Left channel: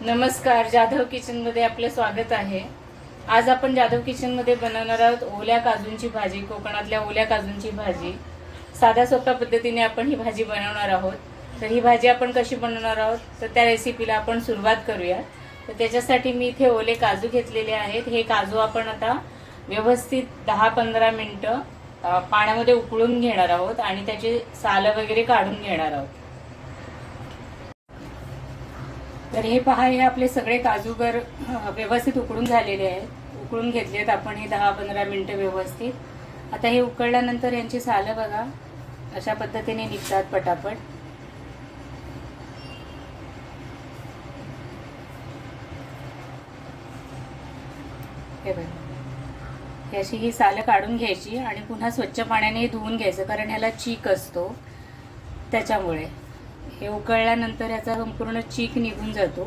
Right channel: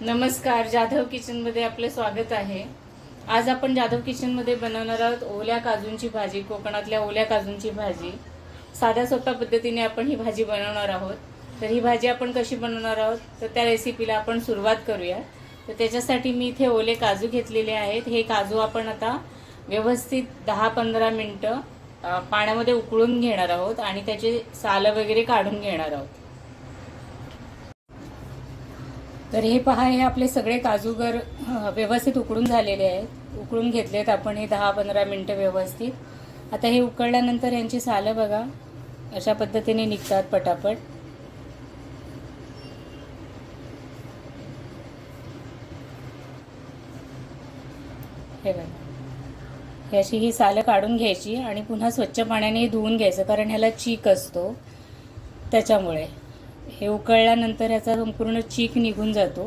नमस्कार, जाधव किचनमध्ये आपलं स्वागत आहे। आज आपण जाधव किचनमध्ये बनवणार आहोत ओल्या काजूंची भाजी, कोकणातल्या ओल्या काजूंची भाजी। साध्या सोप्या पद्धतीने आपण ही भाजी बनवणार आहोत। तर ही भाजी आपण कशी बनवणार आहोत तर त्या रेसिपीला आपण सुरुवात करूया। तर त्याच्यासाठी मी इथे ओले काजू घेतलेले आहेत। हे काजू आपण आता व्यवस्थित 10-15 मिनिटं पाण्यामध्ये उकळून घेणार आहोत आणि त्याचे साल वगैरे काढून घेणार आहोत। तर हे पहा, हे आपले सगळे काजूगर व्यवस्थित उकळून झालेले आहेत। उकळून घेतलेत आपण हे 10-15 मिनिटं व्यवस्थित। आता हे उकळल्यानंतर यांची सालं बघा अशा पद्धतीने निघतात पटापट। हे बघा, याची ही सालं काढून घ्यायची आणि पुन्हा स्वच्छ पाण्याने धुवून घ्यायचं, कारण ह्याला चीक असतो त्याच्यामुळे। हे उकळल्यानंतर याचा संपूर्ण चीक निघून जातो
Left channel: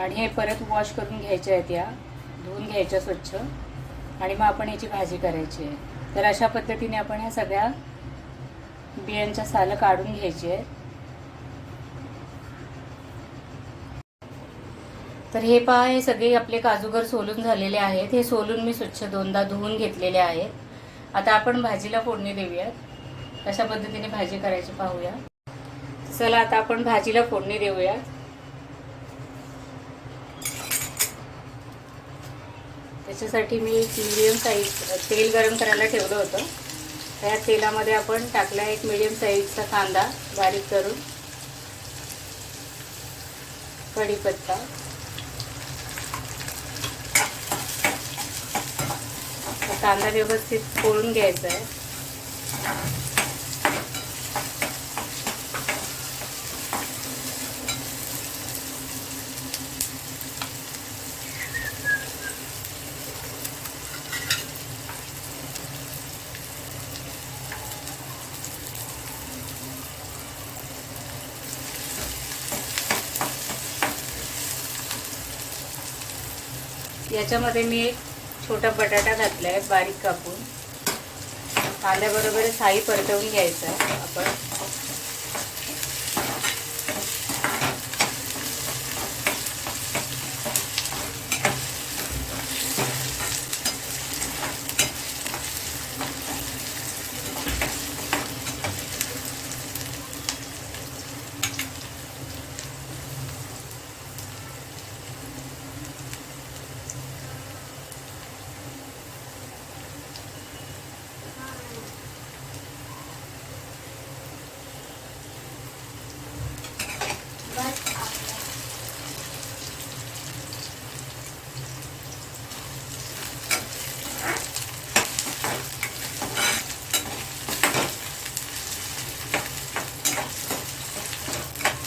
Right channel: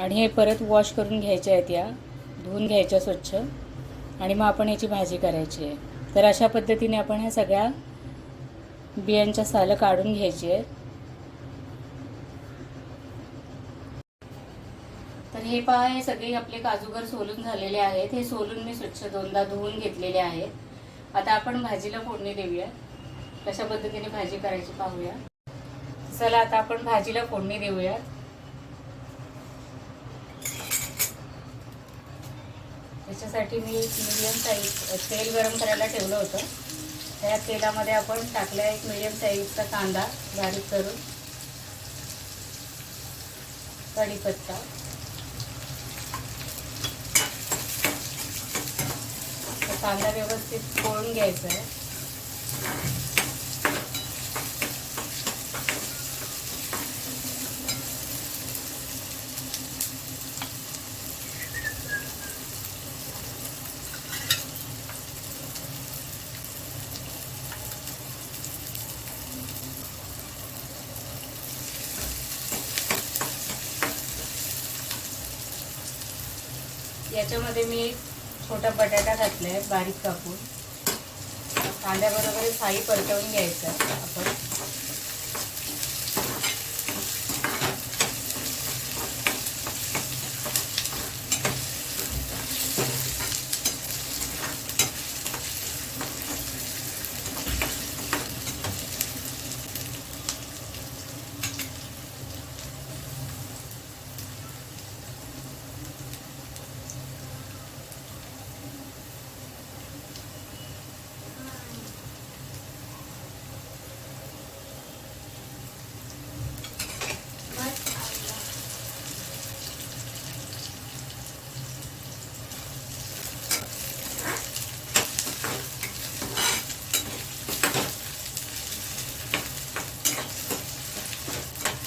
आणि हे परत वॉश करून घ्यायचे आहेत, या धुवून घ्यायच्या स्वच्छ आणि मग आपण याची भाजी करायची आहे। तर अशा पद्धतीने आपण ह्या सगळ्या बियांच्या सालं काढून घ्यायची आहे। तर हे पहा, हे सगळे आपले काजूगर सोलून झालेले आहेत। हे सोलून मी स्वच्छ 2दा धुवून घेतलेले आहेत। आता आपण भाजीला फोडणी देऊया। अशा पद्धतीने भाजी करायची पाहूया। चला आता आपण भाजीला फोडणी देऊया। त्याच्यासाठी मी मीडियम साईज तेल गरम करायला ठेवलं होतं। त्या तेलामध्ये आपण टाकला एक मीडियम साईजचा कांदा बारीक करून, कढीपत्ता, कांदा व्यवस्थित तळून घ्यायचा आहे। याच्यामध्ये मी एक छोटा बटाटा घातला आहे बारीक कापून। कांद्याबरोबर साई परतवून घ्यायचं आहे आपण।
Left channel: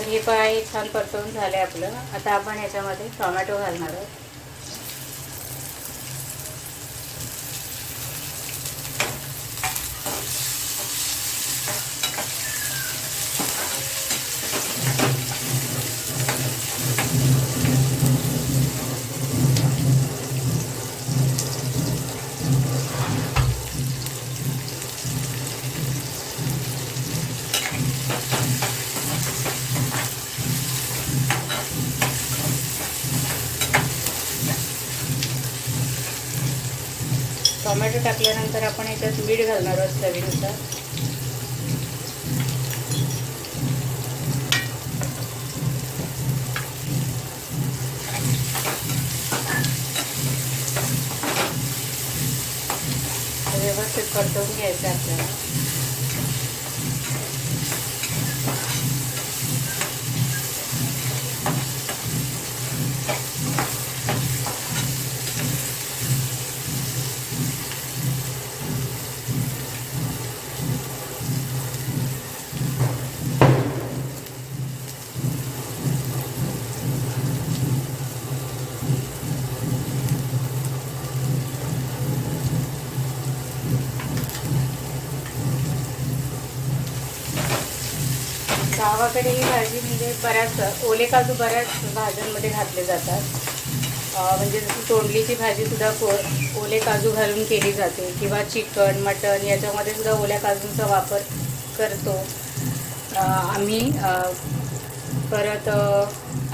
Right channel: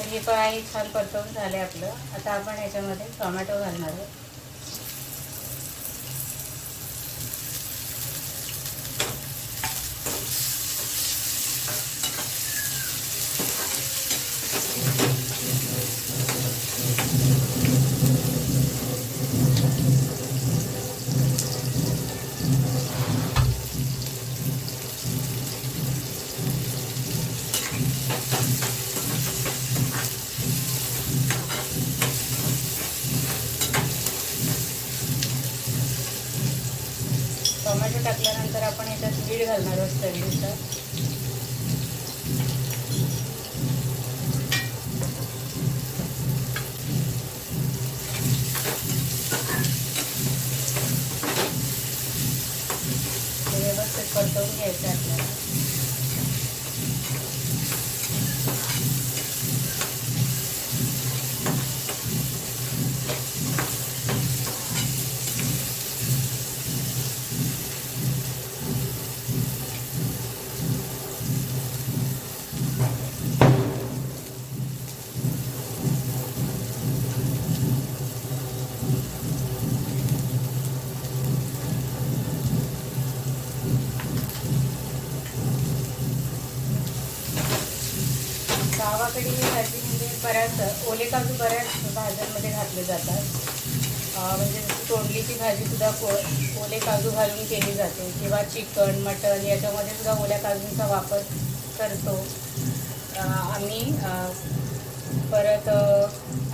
हे पण आहे, छान परतवून झाले आपलं। आता आपण ह्याच्यामध्ये टोमॅटो घालणार आहोत। टोमॅटो टाकल्यानंतर आपण याच्यात मीठ घालणार आहोत चवीनुसार। व्यवस्थित परतवून घ्यायचं आपल्याला। गावाकडे ही भाजी म्हणजे बऱ्याच ओले काजू बऱ्याच भाज्यांमध्ये घातले जातात। म्हणजे जसं तोंडलीची भाजी सुद्धा ओले काजू घालून केली जाते, किंवा चिकन, मटन याच्यामध्ये सुद्धा ओल्या काजूंचा वापर करतो आम्ही। परत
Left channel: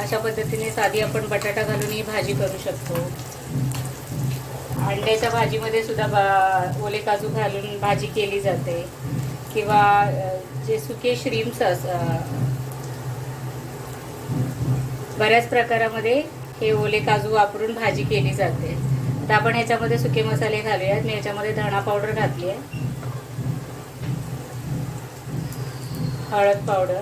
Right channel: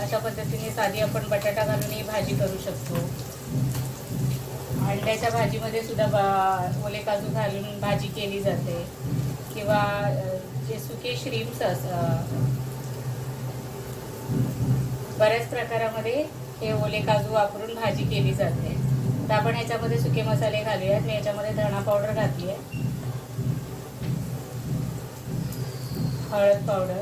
अशा पद्धतीने साधी आपण बटाटा घालून ही भाजी करू शकतो. अंड्याच्या भाजीमध्ये सुद्धा ओले काजू घालून भाजी केली जाते, किंवा जे सुके श्रीम्स बऱ्याच प्रकारामध्ये हे ओले काजू वापरून भाजी केली जाते. तर आपण ह्याच्यामध्ये सुके मसाले घालूयात. मी याच्यामध्ये धणा पावडर घातली आहे, हळद पावडर,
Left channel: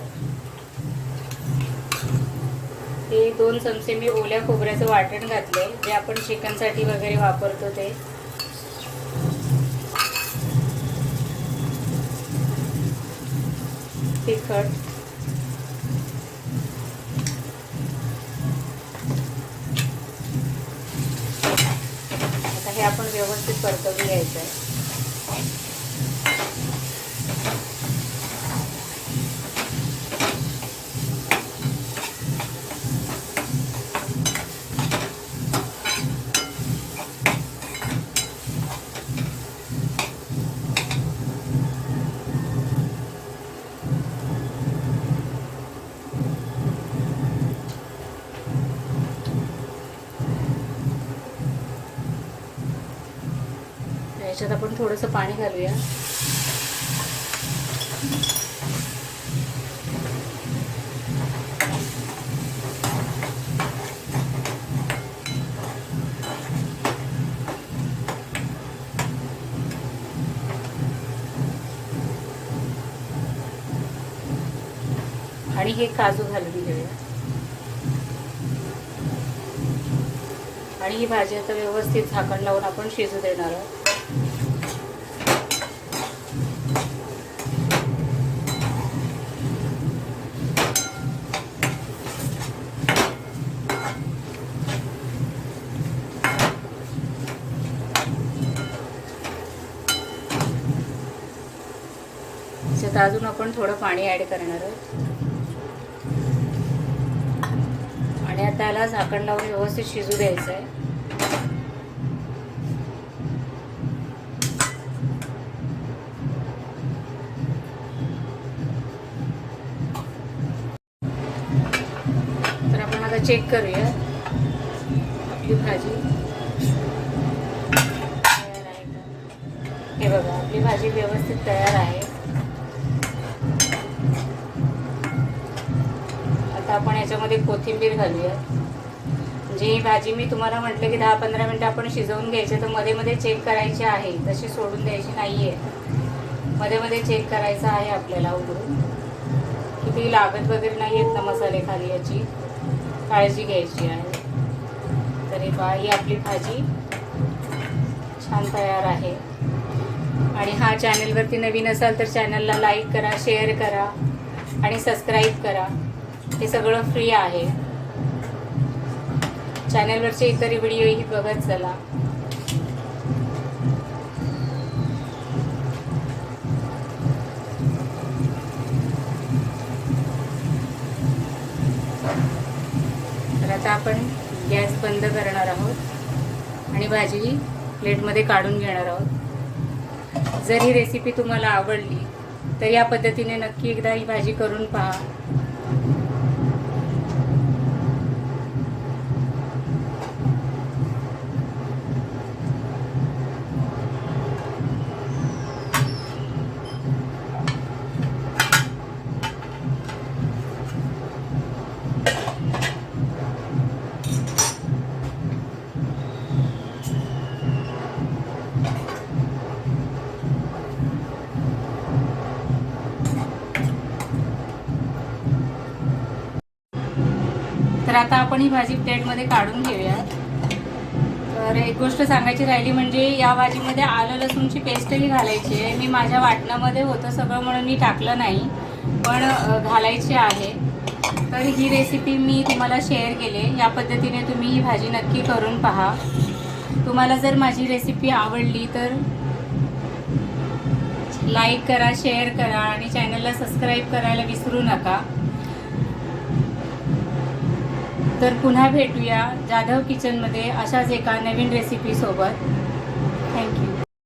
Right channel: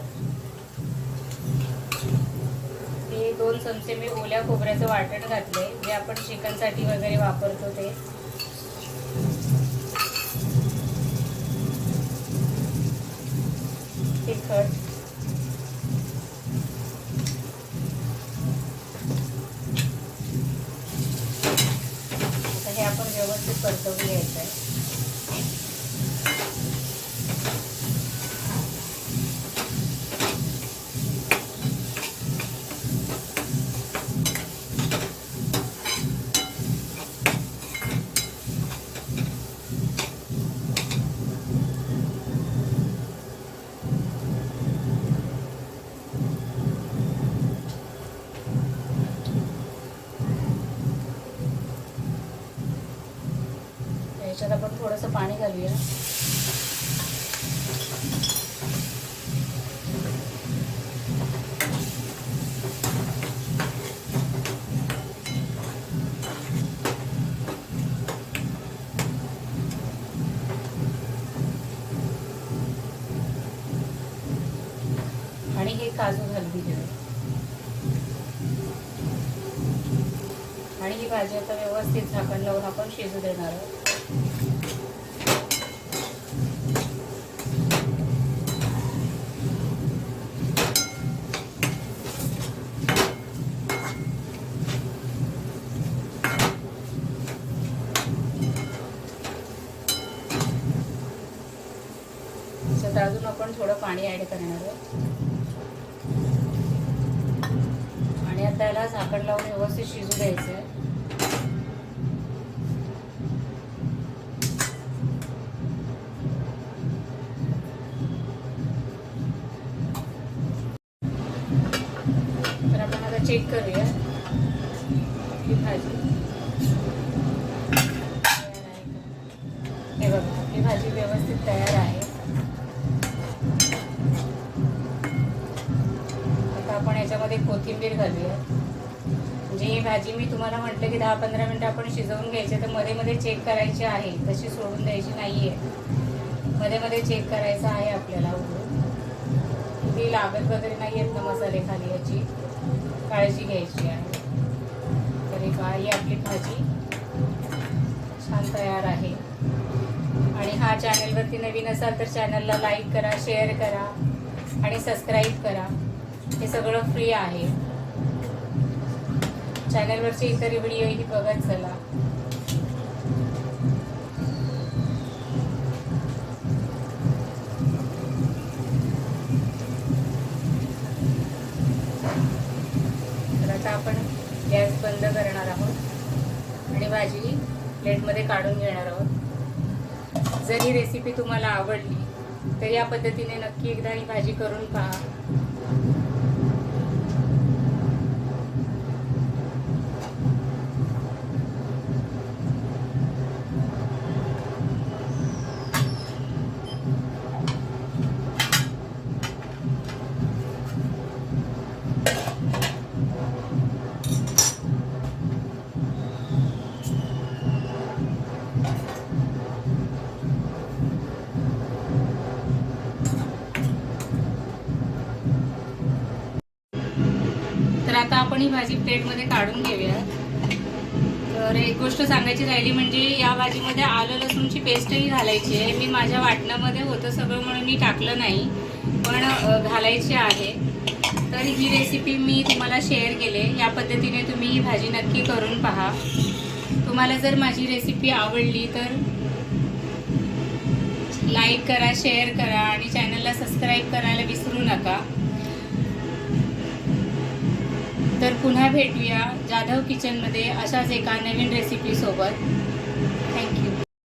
हे 2 चमचे मी ओल्या खोबऱ्याचं वाटण घातले, जे आपण चिकन साठी वगैरे वापरतो ते. तिखट, आता हे आपण व्यवस्थित परतवून घ्यायचं आहे. याच्यात आपण थोडंसं पाणी घालूया. आणि हे काजू घालून घेऊया. आणि ही भाजी आता व्यवस्थित झाकण लावून आपण शिजू देणार आहोत. त्याच्यात अजून आपण थोडं पाणी ऍड करणार आहोत. आणि आता याला झाकण लावून व्यवस्थित शिजू द्यायचं आहे. तर आपण आता चेक करूया आपली भाजी. हे बघा, आपली भाजी व्यवस्थित तयार आहे. आता आपण याच्यामध्ये कोथिंबीर घालूया. म्हणजे ही भाजी मी तुम्हाला म्हटलं की 10-15 मिनिटं आपण शिजवून घ्यायचे, तर मध्ये मध्ये चेक करायची आहे, तशी सोडून द्यायची नाहीये. मध्ये मध्ये चेक करायचं आहे आपल्याला उघडून, किती लागत वगैरे नाही आहेत ना मसाले खाली, याची काळजी घ्यायची आहे. तरी ही आपली भाजी छान तयार आहे. आणि हा चॅनलवरती नवीन असाल तर चॅनलला लाईक करा, शेअर करा आणि सबस्क्राईब करा. हे सगळं फ्री आहे. चॅनलवरचे इतर व्हिडिओही बघत चला. तर आता आपण गॅस बंद करणार आहोत आणि भाजी प्लेटमध्ये काढून घेणार आहोत. जर ही रेसिपी तुम्हाला आवडली तर या पद्धतीने नक्की एकदा ही भाजी करून पहा. तर आता आपण ही भाजी प्लेटमध्ये काढून घेऊया. तर एक गोष्ट सांगायची राहिली, म्हणजे या भाजीमध्ये आलं लसूणची पेस्टही घालायची आहे. मी माझ्या वाटणामध्ये होतं सगळं म्हणून मी टाकलं नाही, पण घालायची आहे. तर ही रेसिपी मी तुम्हाला शेअर केली. या पद्धतीने तुम्ही ही भाजी नक्की करून पहा. तुम्हाला जर माझी रेसिपी आवडली तर लाईक करा, शेअर करा आणि चॅनलला सबस्क्राईब करायला विसरू नका. तर पुन्हा भेटूया जाधव किचनमध्ये अशाच एका नवीन रेसिपी सोबत. थँक्यू.